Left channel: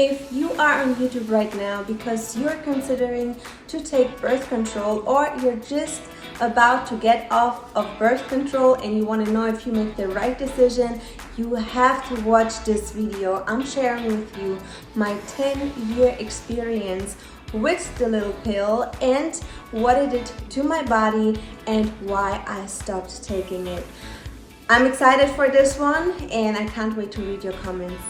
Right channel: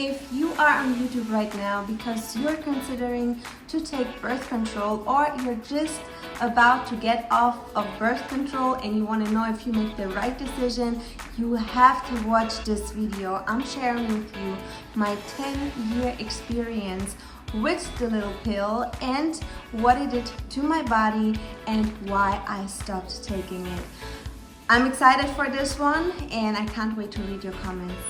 If you are on YouTube right now because you're considering to take birth control, or you're just about to get off of birth control and you want to know if you make the right decision, you have to watch this video. I'm sharing with you my 10-year experience with the little pill and what it did to my body and why I stopped taking it. I'm excited for this one and I can't wait to read your comments.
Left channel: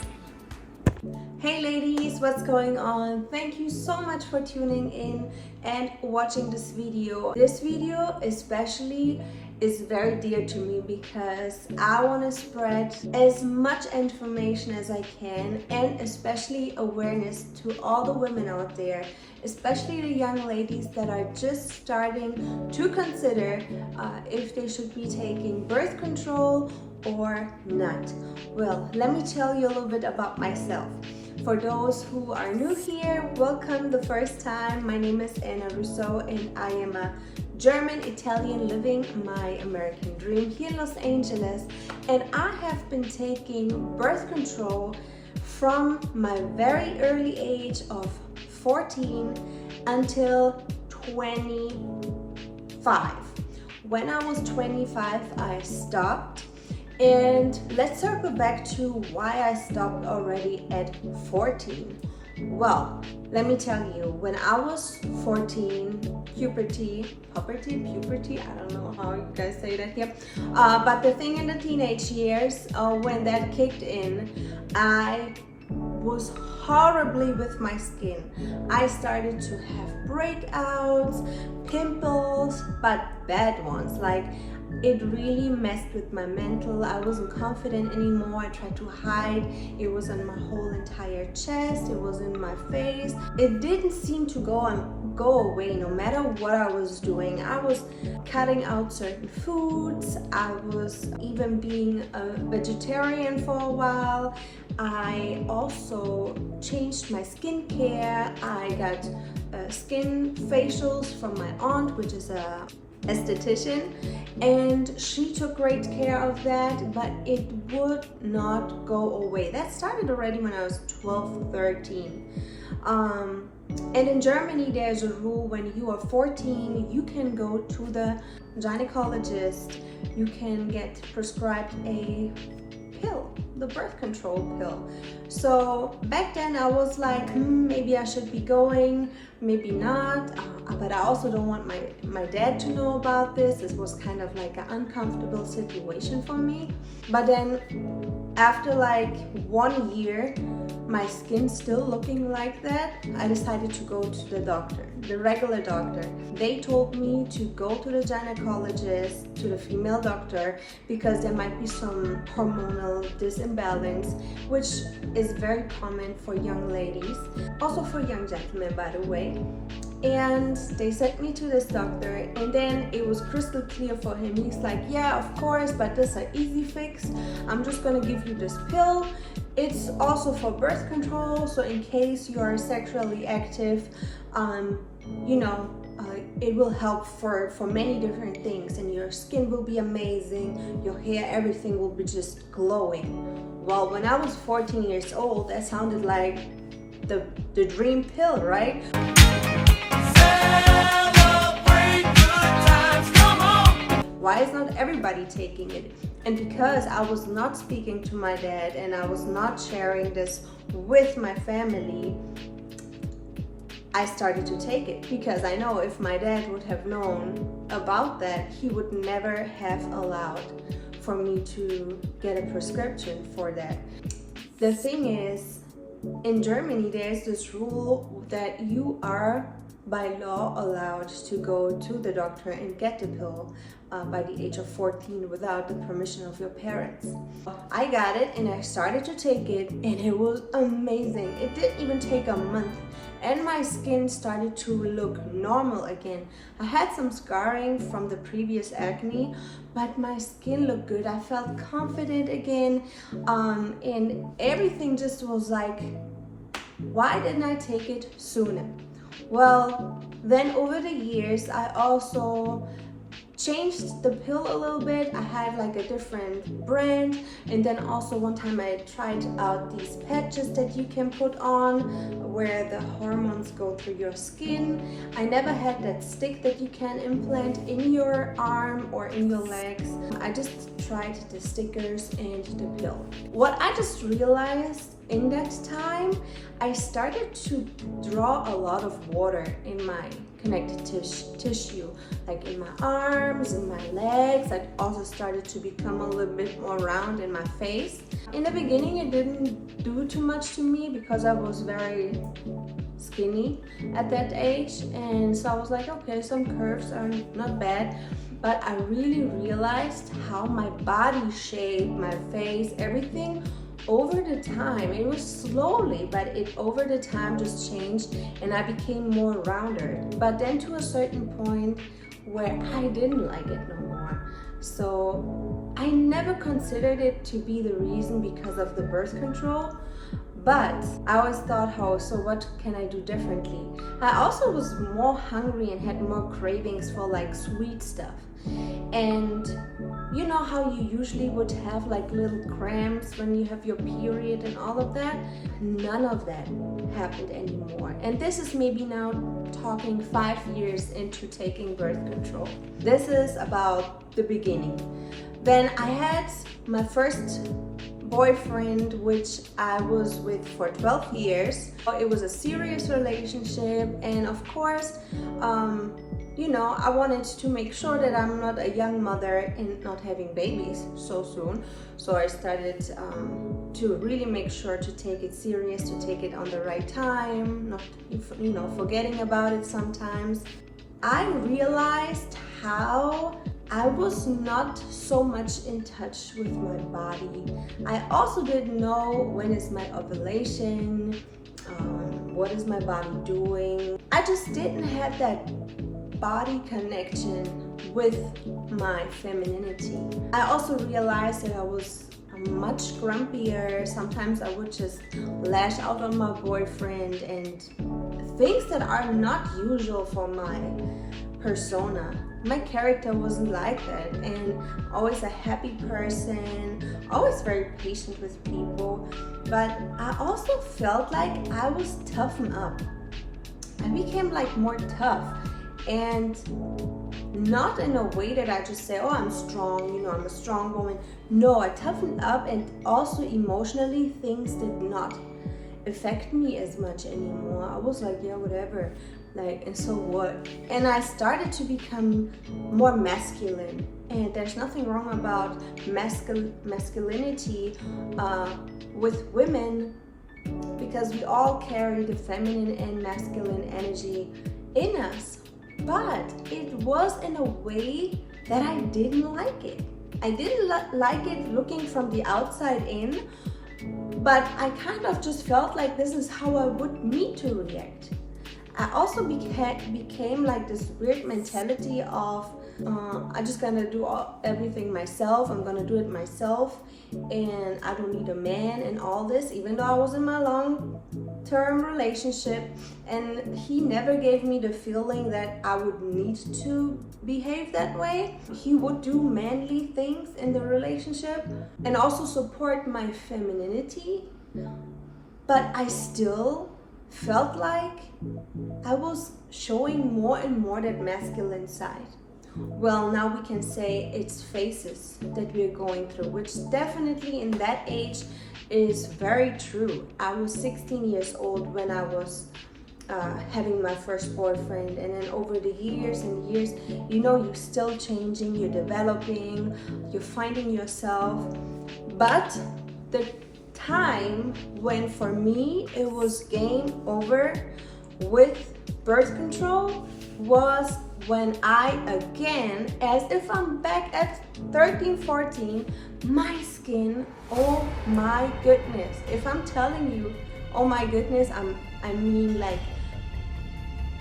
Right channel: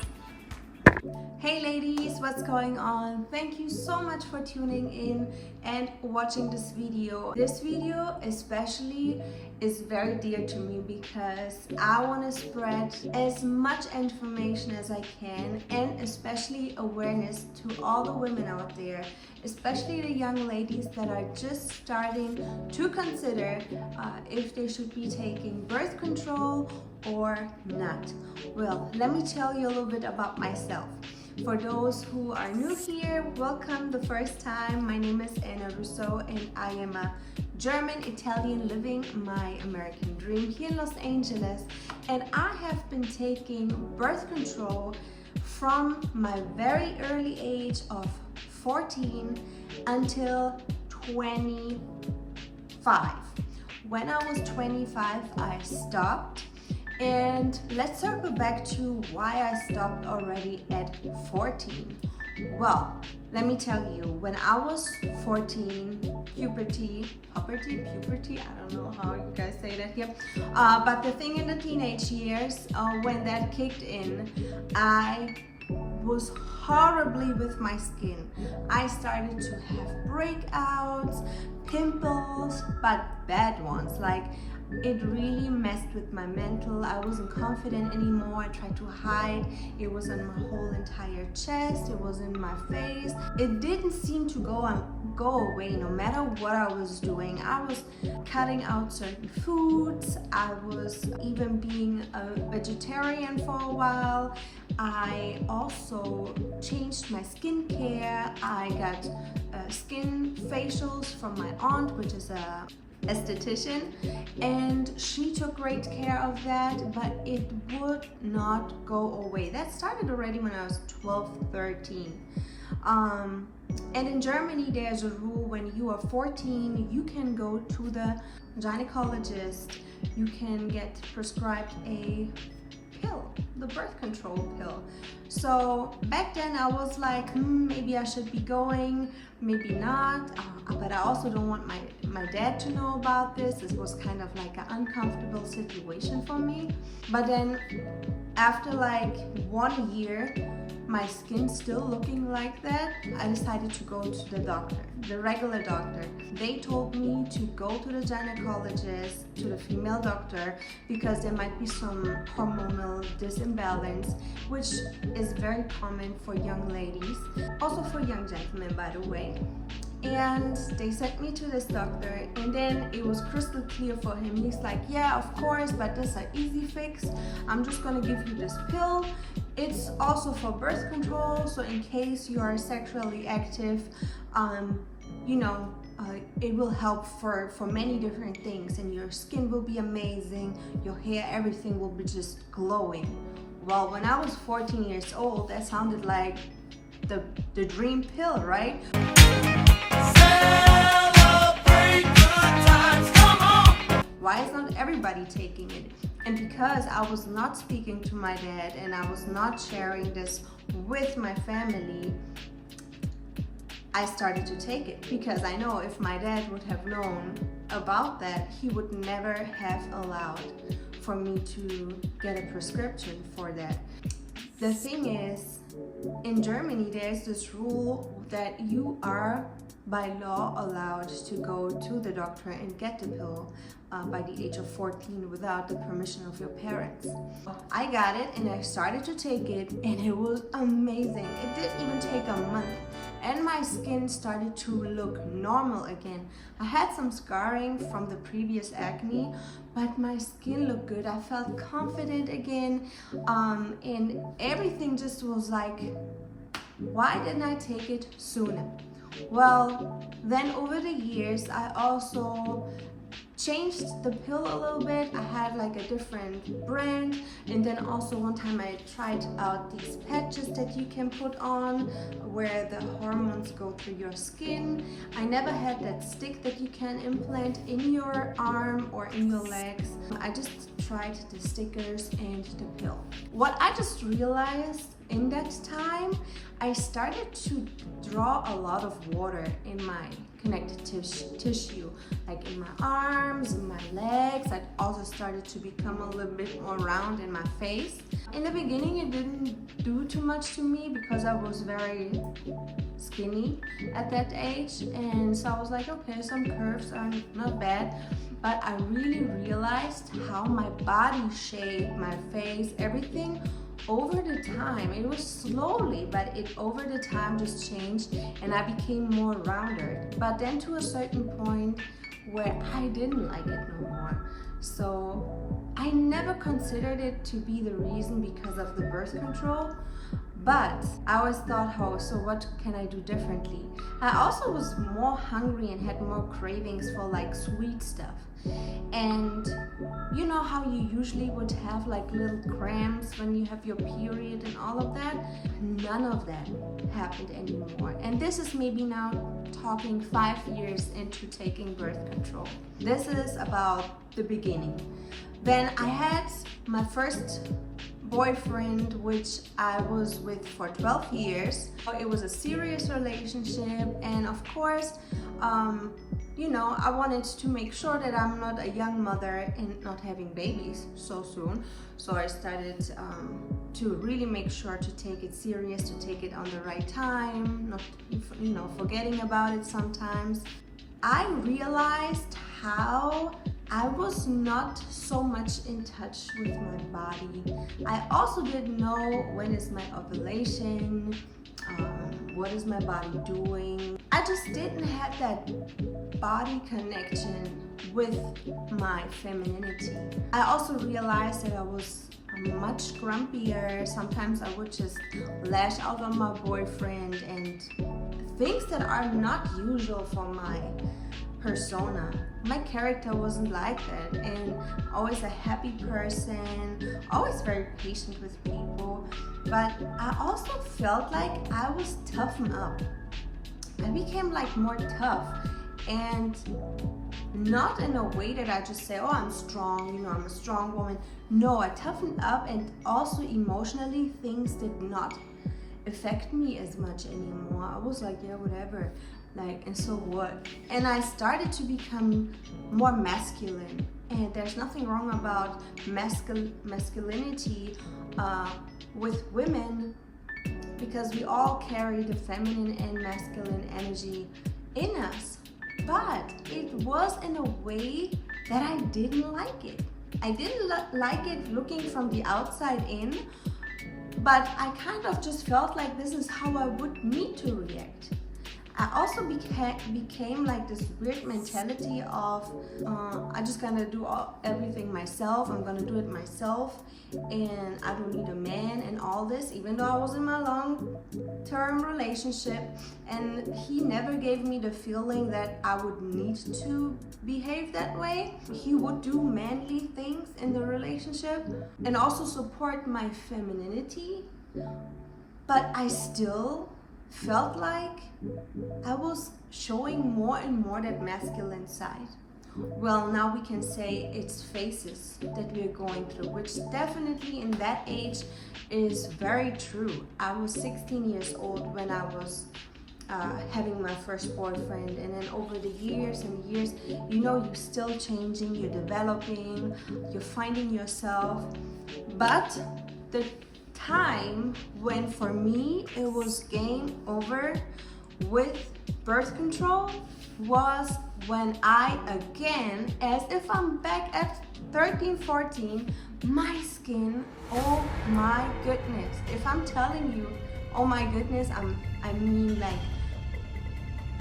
Hey ladies, what's going on? Thank you so much for tuning in and watching this video. This video especially is very dear to me because I want to spread as much information as I can, and especially awareness to all the women out there, especially the young ladies that are just starting to consider if they should be taking birth control or not. Well, let me tell you a little bit about myself. For those who are new here, welcome the first time. My name is Anna Russo and I am a German Italian living my American dream here in Los Angeles, and I have been taking birth control from my very early age of 14 until 25. When I was 25, I stopped. And let's circle back to why I stopped already at 14. Well, let me tell you, when I was 14, puberty, I don't know how you guys say that here, but the thing in the teenage years, when that kicked in, I was horribly with my skin. I started to have breakouts, pimples, but bad ones. Like, it really messed with my mental. I wasn't confident anymore. I tried to hide. It was on my whole entire chest. It was in my face. It didn't seem to go away no matter what I was doing. I was cutting out certain foods. I was even being a vegetarian for a while. I also changed my skincare. I got skin facials from my aunt, which is a esthetician, and she took great care of that, but it would not go away. That started already when I was 12, 13. And in Germany, there's a rule: when you are 14, you can go to the gynecologist, you can get prescribed a pill, the birth control pill. So back then I was like, maybe I should be going, maybe not, but I also don't want my dad to know about this. This was kind of like an uncomfortable situation for me. But then after like 1 year, my skin still looking like that, I decided to go to the doctor, the regular doctor. They told me to go to the gynecologist, to the female doctor, because there might be some hormonal disimbalance, which is very common for young ladies, also for young gentlemen, by the way. And they sent me to this doctor, and then it was crystal clear for him. He's like, yeah, of course, but this is an easy fix. I'm just gonna give you this pill. It's also for birth control, so in case you are sexually active, it will help for many different things, and your skin will be amazing, your hair, everything will be just glowing. Well, when I was 14 years old, that sounded like the dream pill, right? Celebrate good times, come on! Why is not everybody taking it? And because I was not speaking to my dad and I was not sharing this with my family, I started to take it, because I know if my dad would have known about that, he would never have allowed for me to get a prescription for that. The thing is, in Germany, there's this rule that you are by law allowed to go to the doctor and get the pill by the age of 14 without the permission of your parents. I got it and I started to take it, and it was amazing. It didn't even take a month and my skin started to look normal again. I had some scarring from the previous acne, but my skin looked good. I felt confident again, and everything just was like, why didn't I take it sooner? Well, then over the years, I also changed the pill a little bit. I had like a different brand, and then also one time I tried out these patches that you can put on where the hormones go through your skin. I never had that stick that you can implant in your arm or in your legs. I just tried the stickers and the pill. What I just realized in that time, I started to draw a lot of water in my connective tissue, like in my arms, in my legs. I also started to become a little bit more round in my face. In the beginning, it didn't do too much to me because I was very skinny at that age, and so I was like, okay, some curves are not bad. But I really realized how my body shape, my face, everything over the time, it was slowly, but it over the time just changed, and I became more rounded. But then to a certain point where I didn't like it no more. So I never considered it to be the reason because of the birth control. But I always thought, oh, so what can I do differently? I also was more hungry and had more cravings for like sweet stuff. And you know how you usually would have like little cramps when you have your period and all of that? None of that happened anymore. And this is maybe now talking 5 years into taking birth control. This is about the beginning. Then I had my first boyfriend, which I was with for 12 years. It was a serious relationship, and of course, you know, I wanted to make sure that I'm not a young mother and not having babies so soon. So I started to really make sure to take it serious, to take it on the right time, not, you know, forgetting about it sometimes. I realized how I was not so much in touch with my body. I also didn't know when is my ovulation, what is my body doing. I just didn't have that body connection with my femininity. I also realized that I was much grumpier. Sometimes I would just lash out on my boyfriend and things that are not usual for my persona. My character wasn't like that, and always a happy person, always very patient with people. But I also felt like I was toughened up. I became like more tough, and not in a way that I just say, oh, I'm strong, you know, I'm a strong woman. No, I toughened up, and also emotionally things did not affect me as much anymore. I was like, yeah, whatever, like, and so what? And I started to become more masculine, and there's nothing wrong about masculinity with women, because we all carry the feminine and masculine energy in us. But it was in a way that I didn't like it. I didn't like it looking from the outside in, but I kind of just felt like this is how I would need to react. I also became like this weird mentality of I just gonna do everything myself. I'm gonna do it myself, and I don't need a man and all this, even though I was in my long-term relationship, and he never gave me the feeling that I would need to behave that way. He would do manly things in the relationship and also support my femininity, but I still felt like I was showing more and more that masculine side. Well, now we can say it's phases that we're going through, which definitely in that age is very true. I was 16 years old when I was having my first boyfriend, and then over the years and years, you know, you're still changing, you're developing, you're finding yourself. But the time when for me it was game over with birth control was when I again, as if I'm back at 13, 14, my skin, oh my goodness. If I'm telling you, oh my goodness, I mean like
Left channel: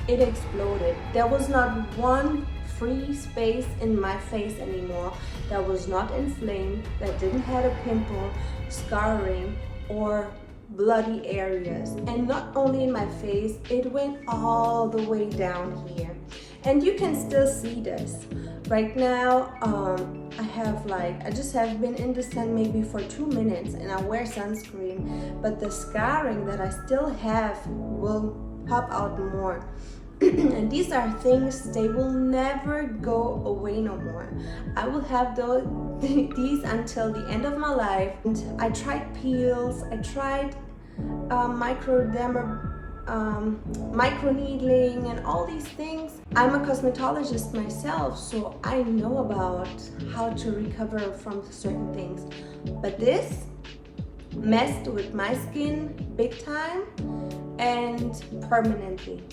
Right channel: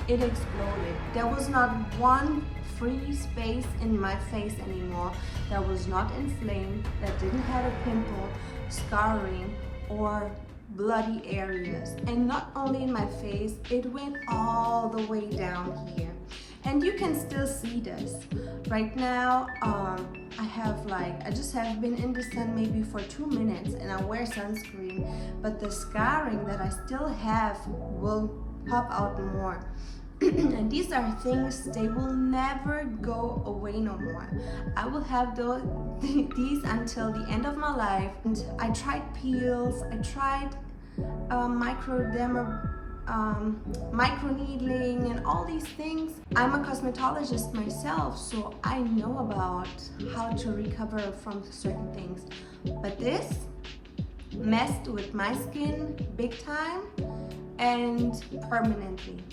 it exploded. There was not one free space in my face anymore that was not inflamed, that didn't have a pimple, scarring, or bloody areas. And not only in my face, it went all the way down here. And you can still see this. Right now, I just have been in the sun maybe for 2 minutes and I wear sunscreen, but the scarring that I still have will pop out more. And these are things, they will never go away no more. I will have these until the end of my life. And I tried peels, I tried microneedling and all these things. I'm a cosmetologist myself, so I know about how to recover from certain things. But this messed with my skin big time and permanently.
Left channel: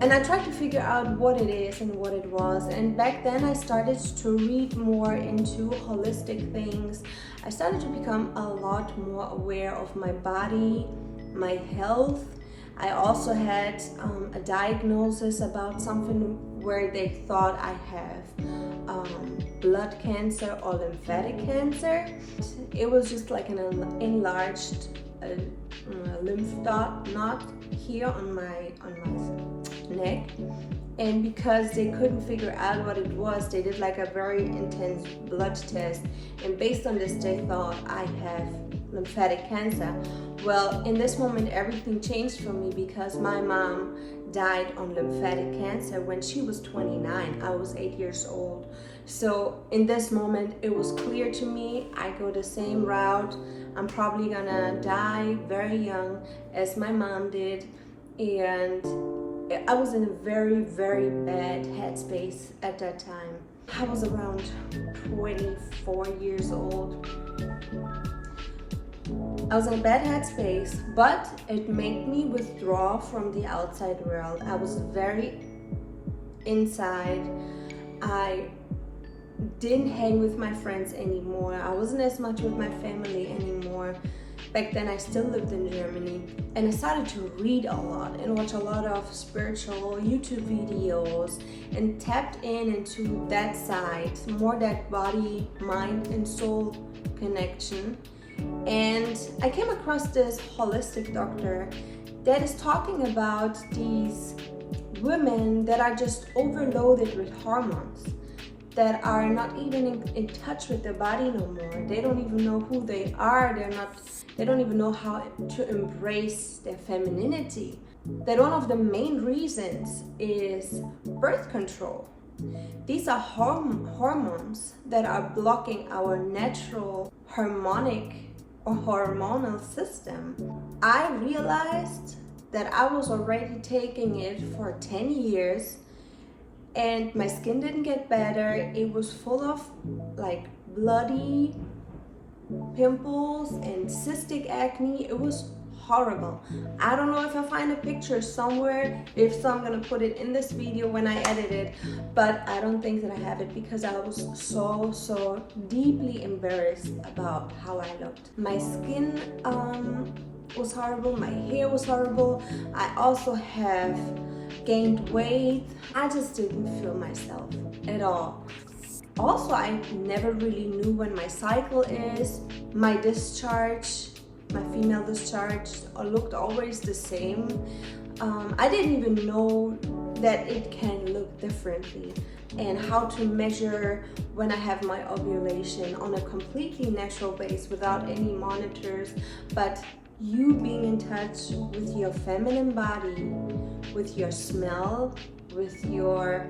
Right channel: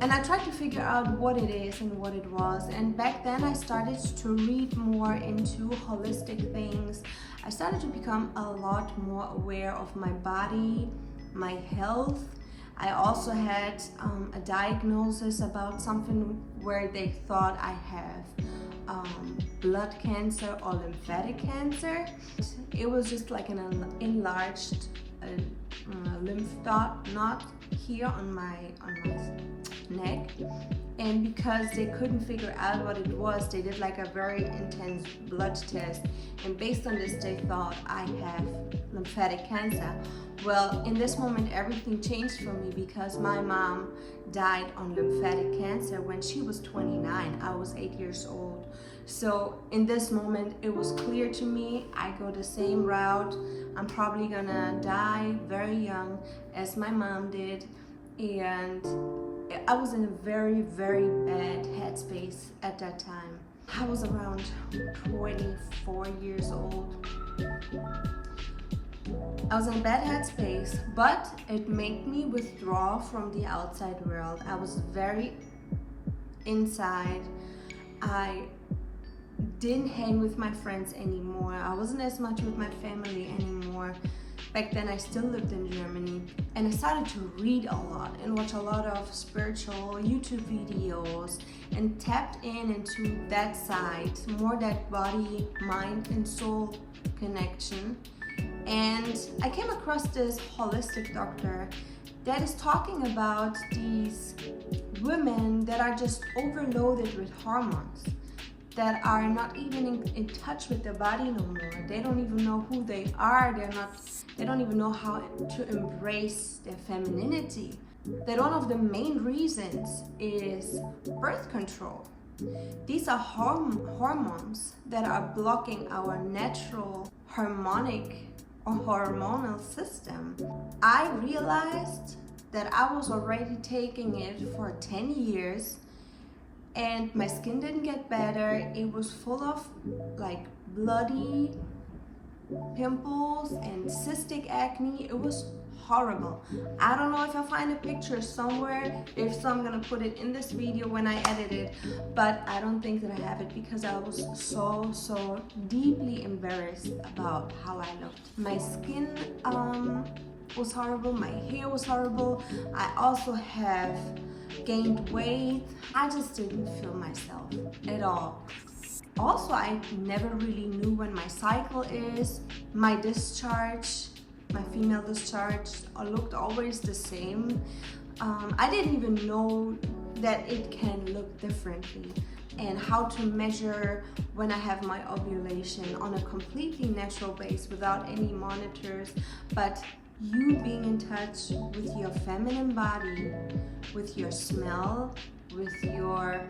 And I tried to figure out what it is and what it was. And back then I started to read more into holistic things. I started to become a lot more aware of my body, my health. I also had a diagnosis about something where they thought I have blood cancer or lymphatic cancer. It was just like an enlarged lymph node here on my neck, and because they couldn't figure out what it was, they did like a very intense blood test, and based on this they thought I have lymphatic cancer. Well, in this moment everything changed for me because my mom died on lymphatic cancer when she was 29. I was 8 years old. So in this moment it was clear to me, I go the same route. I'm probably gonna die very young as my mom did, and I was in a very, very bad headspace at that time. I was around 24 years old. I was in a bad headspace, but it made me withdraw from the outside world. I was very inside. I didn't hang with my friends anymore. I wasn't as much with my family anymore. Back then I still lived in Germany, and I started to read a lot and watch a lot of spiritual YouTube videos and tapped into that side, more that body, mind and soul connection. And I came across this holistic doctor that is talking about these women that are just overloaded with hormones, that are not even in touch with their body no more. They don't even know who they are. They don't even know how to embrace their femininity. That one of the main reasons is birth control. These are hormones that are blocking our natural harmonic or hormonal system. I realized that I was already taking it for 10 years and my skin didn't get better. It was full of like bloody pimples and cystic acne. It was horrible. I don't know if I'll find a picture somewhere. If so, I'm gonna put it in this video when I edit it, but I don't think that I have it because I was so deeply embarrassed about how I looked. My skin was horrible, my hair was horrible. I also have gained weight. I just didn't feel myself at all. Also, I never really knew when my cycle is. My discharge, my female discharge, looked always the same. I didn't even know that it can look differently, and how to measure when I have my ovulation on a completely natural base without any monitors, but you being in touch with your feminine body, with your smell, with your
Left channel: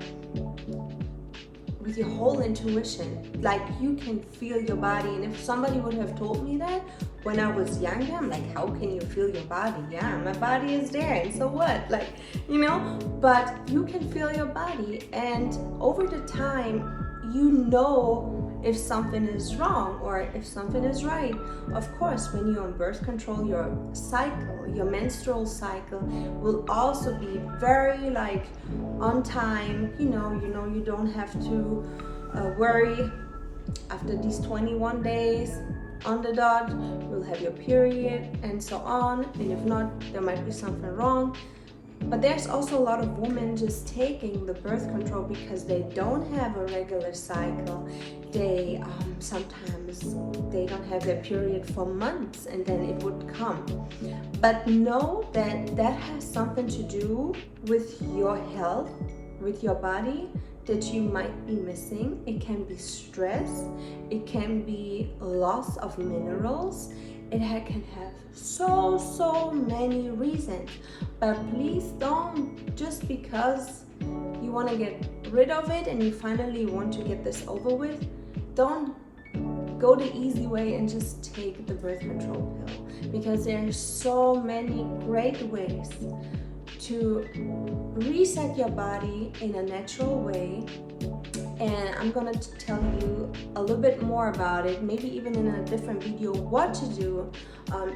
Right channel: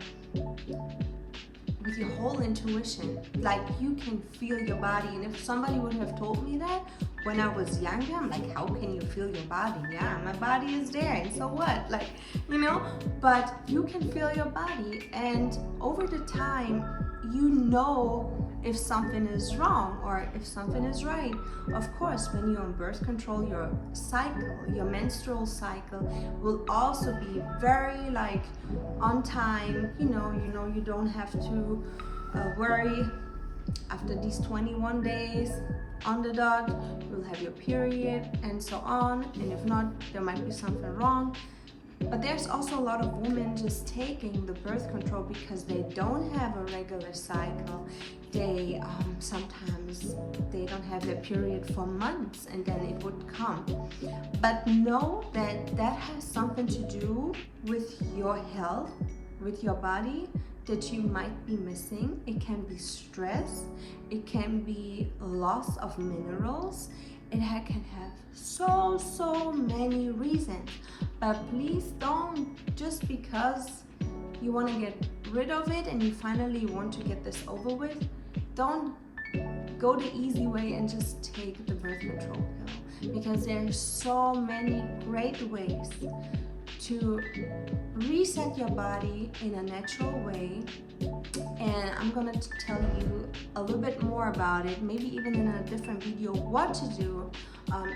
whole intuition. Like, you can feel your body. And if somebody would have told me that when I was younger, I'm like, how can you feel your body? Yeah, my body is there, and so what? Like, you know, but you can feel your body, and over the time, you know if something is wrong or if something is right. Of course, when you're on birth control, your cycle, your menstrual cycle will also be very like on time. You know, you don't have to worry. After these 21 days on the dot, you'll have your period and so on. And if not, there might be something wrong. But there's also a lot of women just taking the birth control because they don't have a regular cycle. They sometimes they don't have their period for months, and then it would come. But know that that has something to do with your health, with your body that you might be missing. It can be stress, it can be loss of minerals, can have so many reasons. But please don't, just because you want to get rid of it and you finally want to get this over with, don't go the easy way and just take the birth control pill, because there's so many great ways to reset your body in a natural way. And I'm gonna tell you a little bit more about it, maybe even in a different video, what to do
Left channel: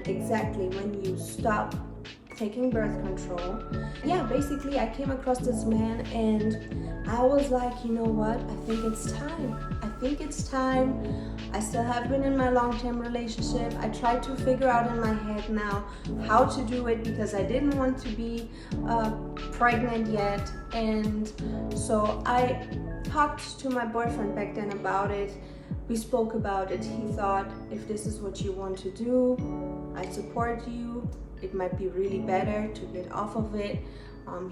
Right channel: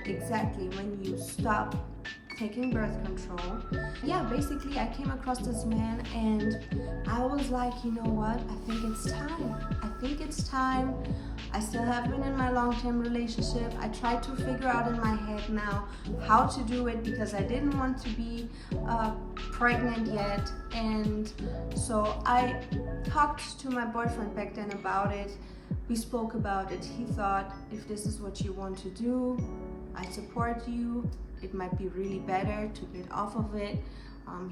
exactly when you stop taking birth control. Yeah, basically I came across this man and I was like, you know what, I think it's time. I still have been in my long-term relationship. I tried to figure out in my head now how to do it, because I didn't want to be pregnant yet. And so I talked to my boyfriend back then about it. We spoke about it. He thought, if this is what you want to do, I support you. It might be really better to get off of it.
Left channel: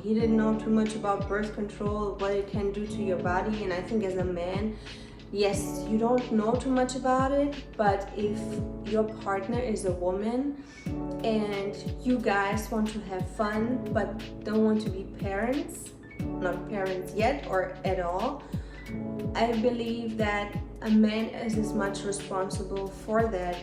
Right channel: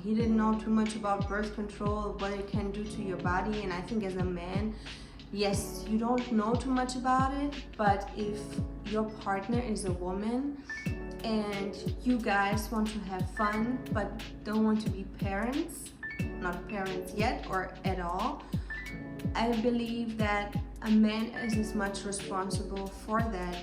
He didn't know too much about birth control, what it can do to your body. And I think as a man, yes, you don't know too much about it, but if your partner is a woman and you guys want to have fun but don't want to be parents, not parents yet or at all, I believe that a man is as much responsible for that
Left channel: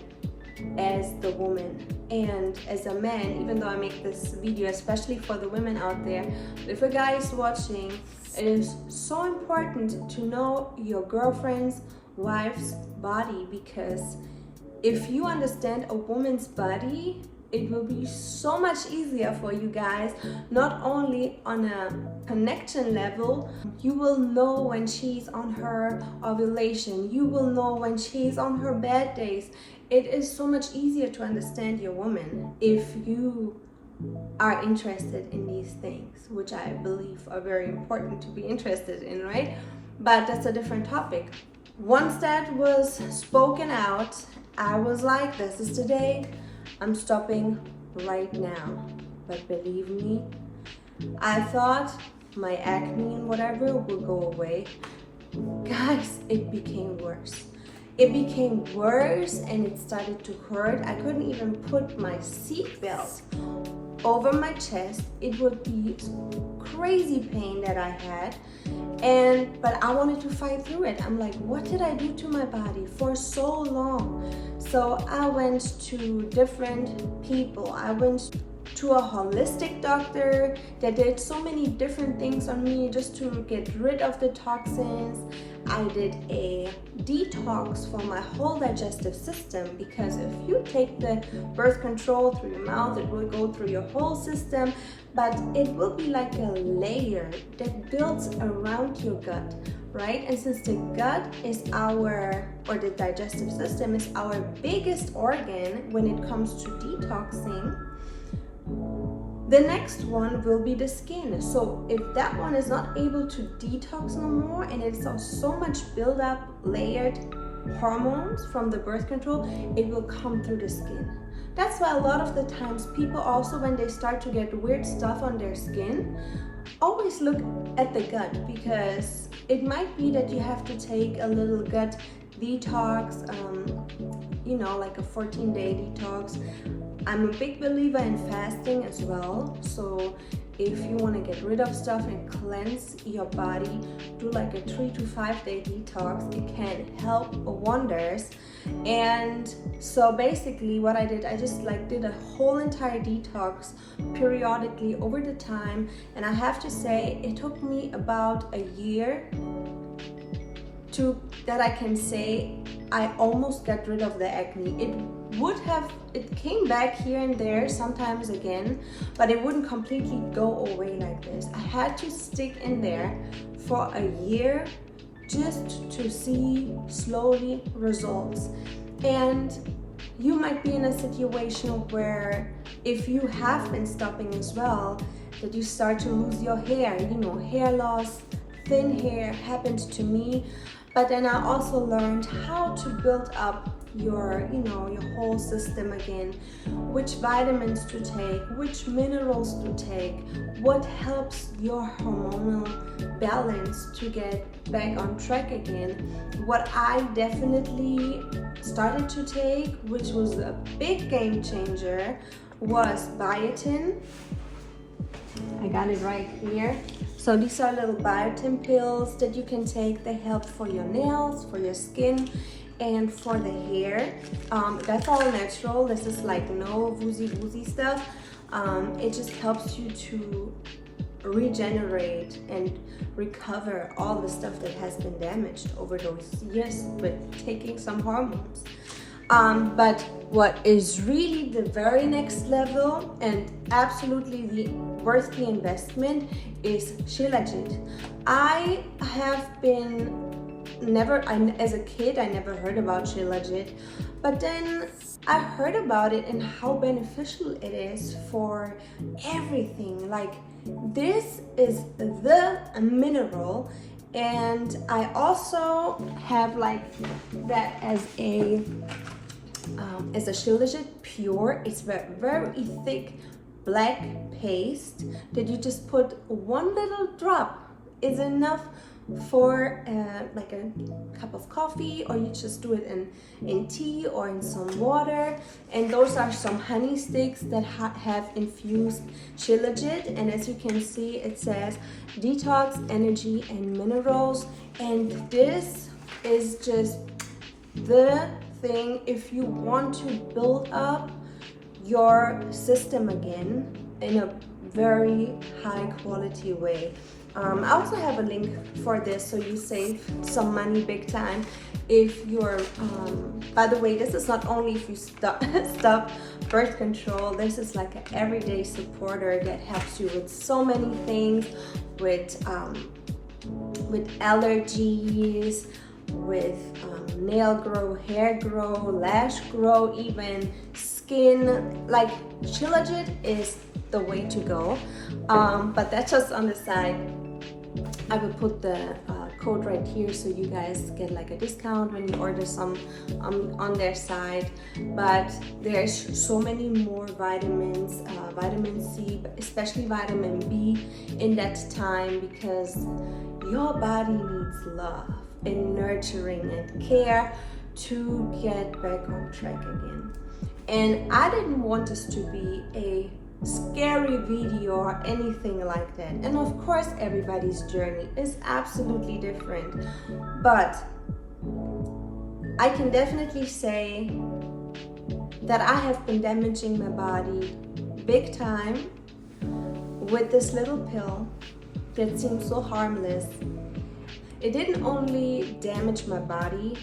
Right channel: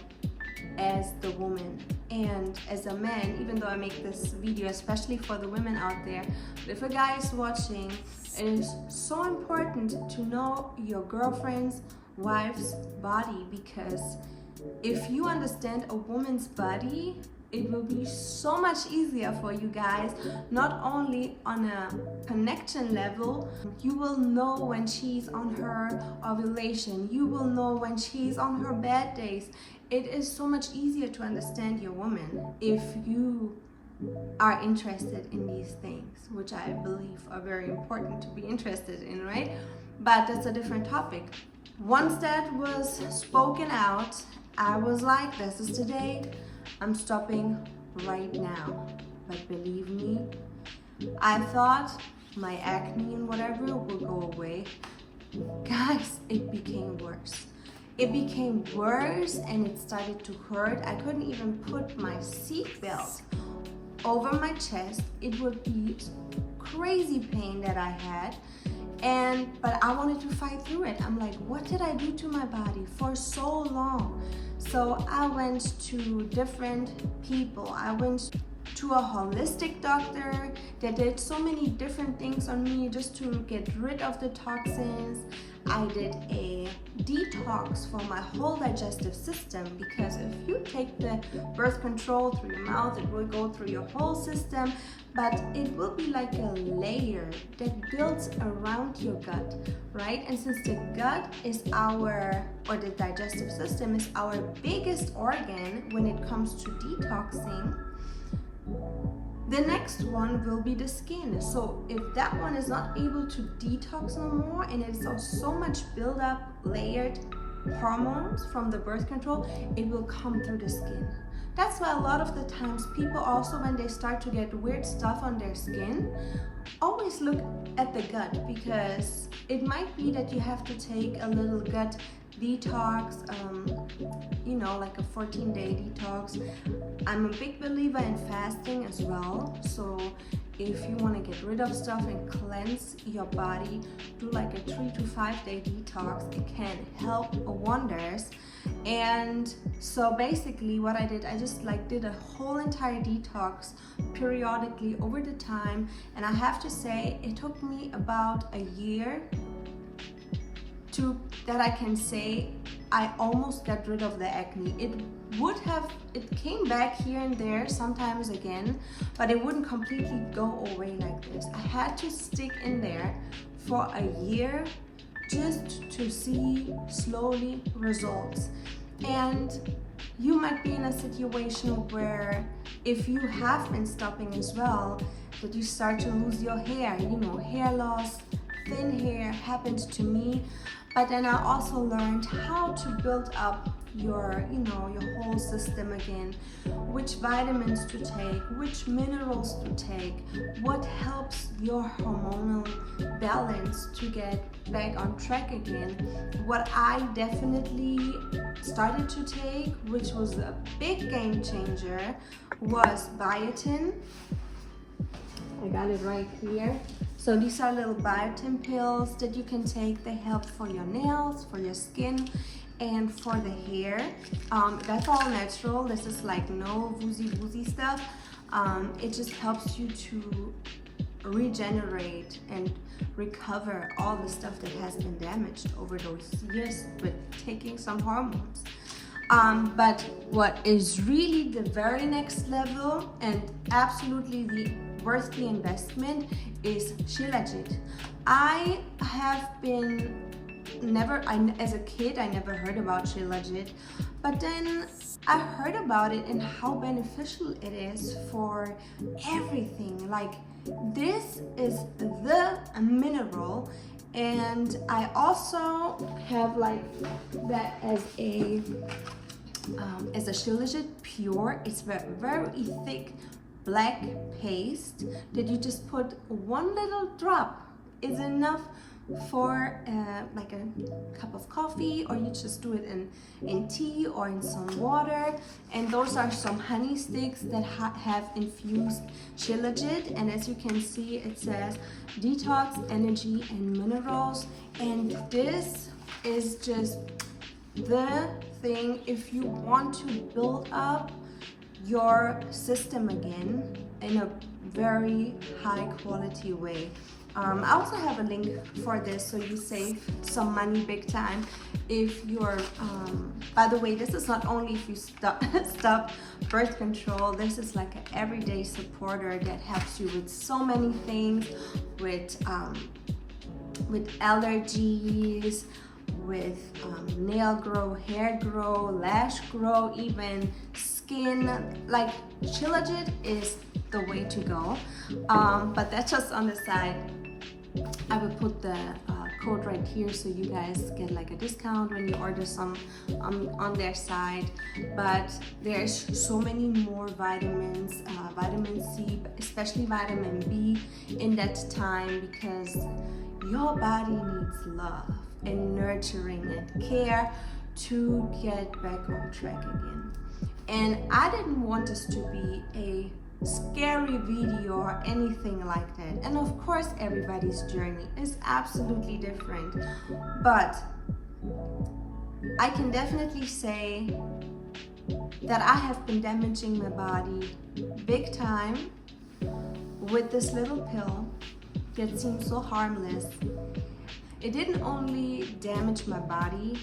as the woman. And as a man, even though I make this video especially for the women out there, if a guy is watching, it is so important to know your girlfriend's, wife's body, because if you understand a woman's body, it will be so much easier for you guys, not only on a connection level. You will know when she's on her ovulation, you will know when she's on her bad days. It is so much easier to understand your woman if you are interested in these things, which I believe are very important to be interested in, right? But that's a different topic. Once that was spoken out, I was like, this is the day. I'm stopping right now. But believe me, I thought my acne and whatever would go away. Guys, it became worse. It became worse and it started to hurt. I couldn't even put my seatbelt over my chest. It would be crazy pain that I had. But I wanted to fight through it. I'm like, what did I do to my body for so long? So I went to different people. I went to a holistic doctor that did so many different things on me just to get rid of the toxins. I did a detox for my whole digestive system, because if you take the birth control through your mouth, it will go through your whole system, but it will be like a layer that builds around your gut, right? And since the gut is the digestive system is our biggest organ when it comes to detoxing, the next one will be the skin. So if that one is not able to detox no more, and it's so much build up layered hormones from the birth control, it will come through the skin. That's why a lot of the times people also, when they start to get weird stuff on their skin, always look at the gut, because it might be that you have to take a little gut detox, like a 14-day detox. I'm a big believer in fasting as well. So if you want to get rid of stuff and cleanse your body, do like a 3 to 5 day detox. It can help wonders. And so basically what I did, I just did a whole entire detox periodically over the time. And I have to say, it took me about a year that I can say I almost got rid of the acne. It came back here and there sometimes again, but it wouldn't completely go away like this. I had to stick in there for a year just to see slowly results. And you might be in a situation where, if you have been stopping as well, that you start to lose your hair, hair loss, thin hair happened to me. But then I also learned how to build up your, your whole system again, which vitamins to take, which minerals to take, what helps your hormonal balance to get back on track again. What I definitely started to take, which was a big game changer, was biotin. I got it right here. So these are little biotin pills that you can take. They help for your nails, for your skin, and for the hair. That's all natural. This is like no woozy stuff. It just helps you to regenerate and recover all the stuff that has been damaged over those years with taking some hormones. But what is really the very next level and absolutely worth the investment is Shilajit. I have been as a kid, I never heard about Shilajit, but then I heard about it and how beneficial it is for everything. Like, this is the mineral, and I also have like that as a Shilajit pure. It's very thick black paste that you just put one little drop is enough for like a cup of coffee, or you just do it in tea or in some water. And those are some honey sticks that have infused Shilajit, and as you can see, it says detox, energy, and minerals. And this is just the thing if you want to build up your system again in a very high quality way. I also have a link for this, so you save some money big time if you're, by the way, this is not only if you stop birth control. This is like an everyday supporter that helps you with so many things, with allergies, with nail grow, hair grow, lash grow, even skin. Like, Shilajit is the way to go, but that's just on the side. I will put the code right here so you guys get like a discount when you order some on their side. But there's so many more vitamins, vitamin C, especially vitamin B in that time, because your body needs love and nurturing and care to get back on track again. And I didn't want this to be a scary video or anything like that. And of course, everybody's journey is absolutely different. But I can definitely say that I have been damaging my body big time with this little pill that seems so harmless. It didn't only damage my body,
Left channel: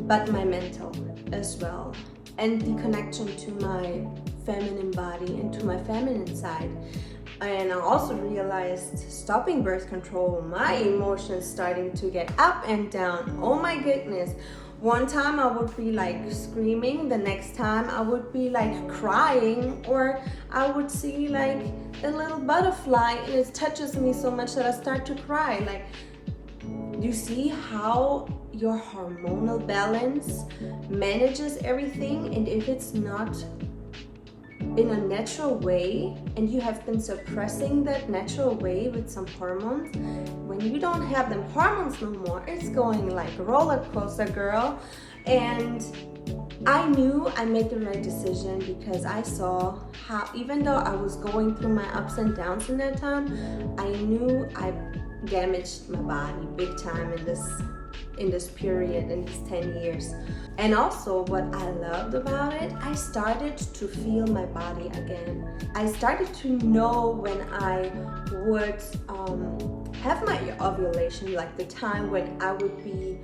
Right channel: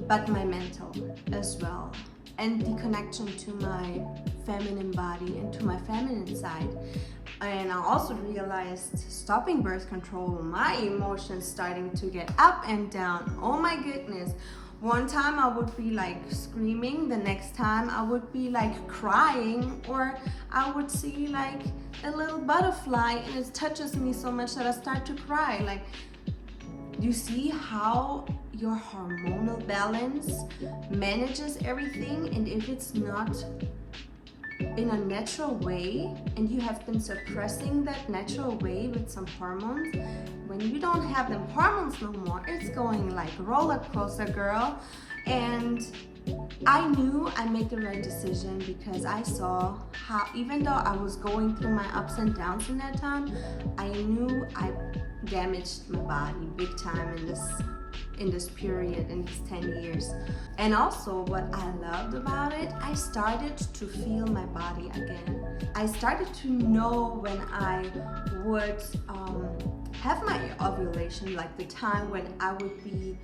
but my mental as well, and the connection to my feminine body and to my feminine side. And I also realized, stopping birth control, my emotions starting to get up and down. Oh my goodness. One time I would be like screaming, the next time I would be like crying, or I would see like a little butterfly and it touches me so much that I start to cry. Like, you see how your hormonal balance manages everything, and if it's not in a natural way and you have been suppressing that natural way with some hormones, when you don't have them hormones no more, it's going like roller coaster, girl. And I knew I made the right decision, because I saw how, even though I was going through my ups and downs in that time, I knew I damaged my body big time in this period, in these 10 years. And also, what I loved about it, I started to feel my body again. I started to know when I would have my ovulation, like the time when I would be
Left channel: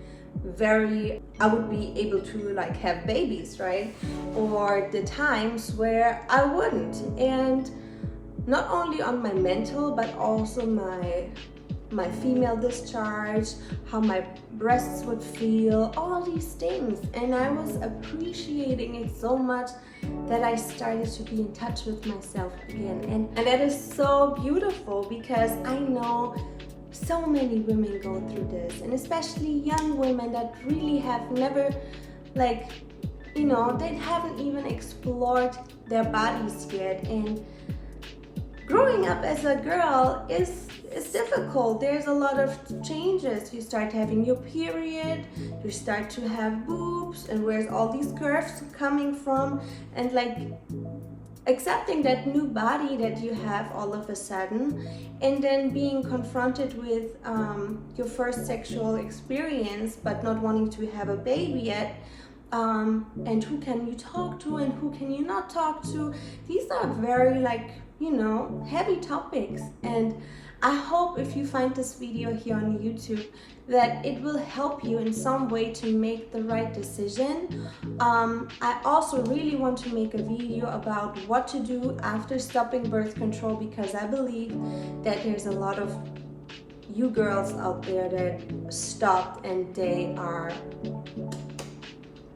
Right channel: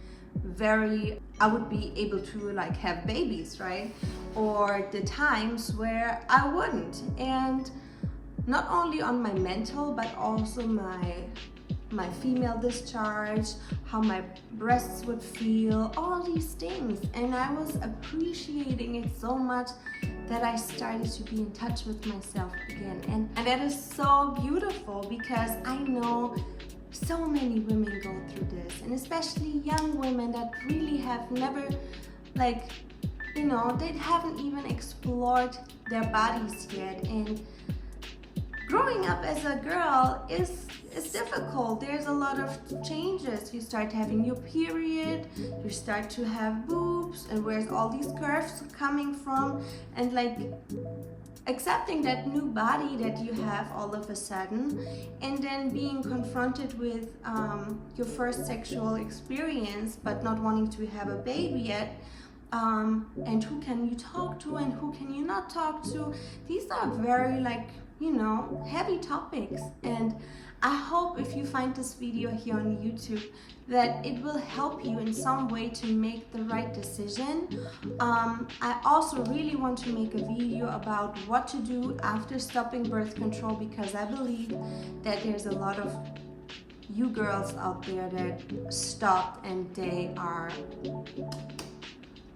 able to like have babies, right? Or the times where I wouldn't. And not only on my mental, but also my female discharge, how my breasts would feel, all these things. And I was appreciating it so much that I started to be in touch with myself again. And that is so beautiful, because I know so many women go through this, and especially young women that really have never like you know, they haven't even explored their bodies yet. And growing up as a girl is difficult. There's a lot of changes. You start having your period, you start to have boobs, and where's all these curves coming from, and like accepting that new body that you have all of a sudden, and then being confronted with your first sexual experience but not wanting to have a baby yet. And who can you talk to and who can you not talk to? These are very, like, you know, heavy topics, and I hope if you find this video here on YouTube that it will help you in some way to make the right decision. I also really want to make a video about what to do after stopping birth control, because I believe that there's a lot of you girls out there that stopped and they are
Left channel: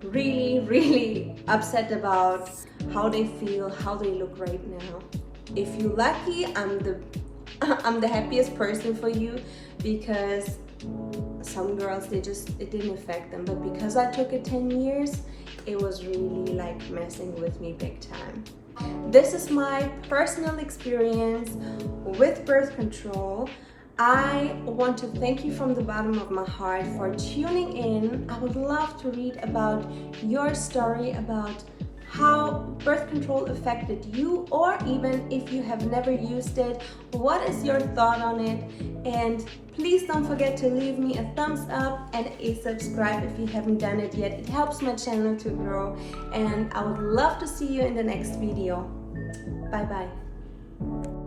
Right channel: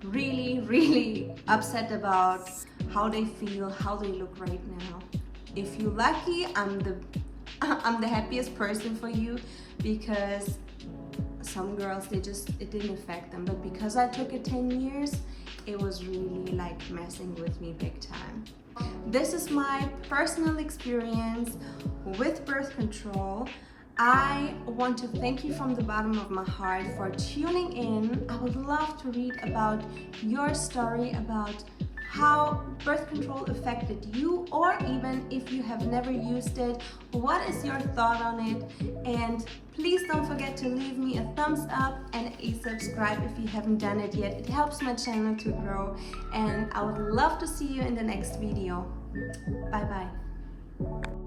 really upset about how they feel, how they look right now. If you're lucky, I'm the happiest person for you, because some girls, it didn't affect them, but because I took it 10 years, it was really like messing with me big time. This is my personal experience with birth control. I want to thank you from the bottom of my heart for tuning in. I would love to read about your story, about how birth control affected you, or even if you have never used it, what is your thought on it? And please don't forget to leave me a thumbs up and a subscribe if you haven't done it yet. It helps my channel to grow, and I would love to see you in the next video. Bye bye.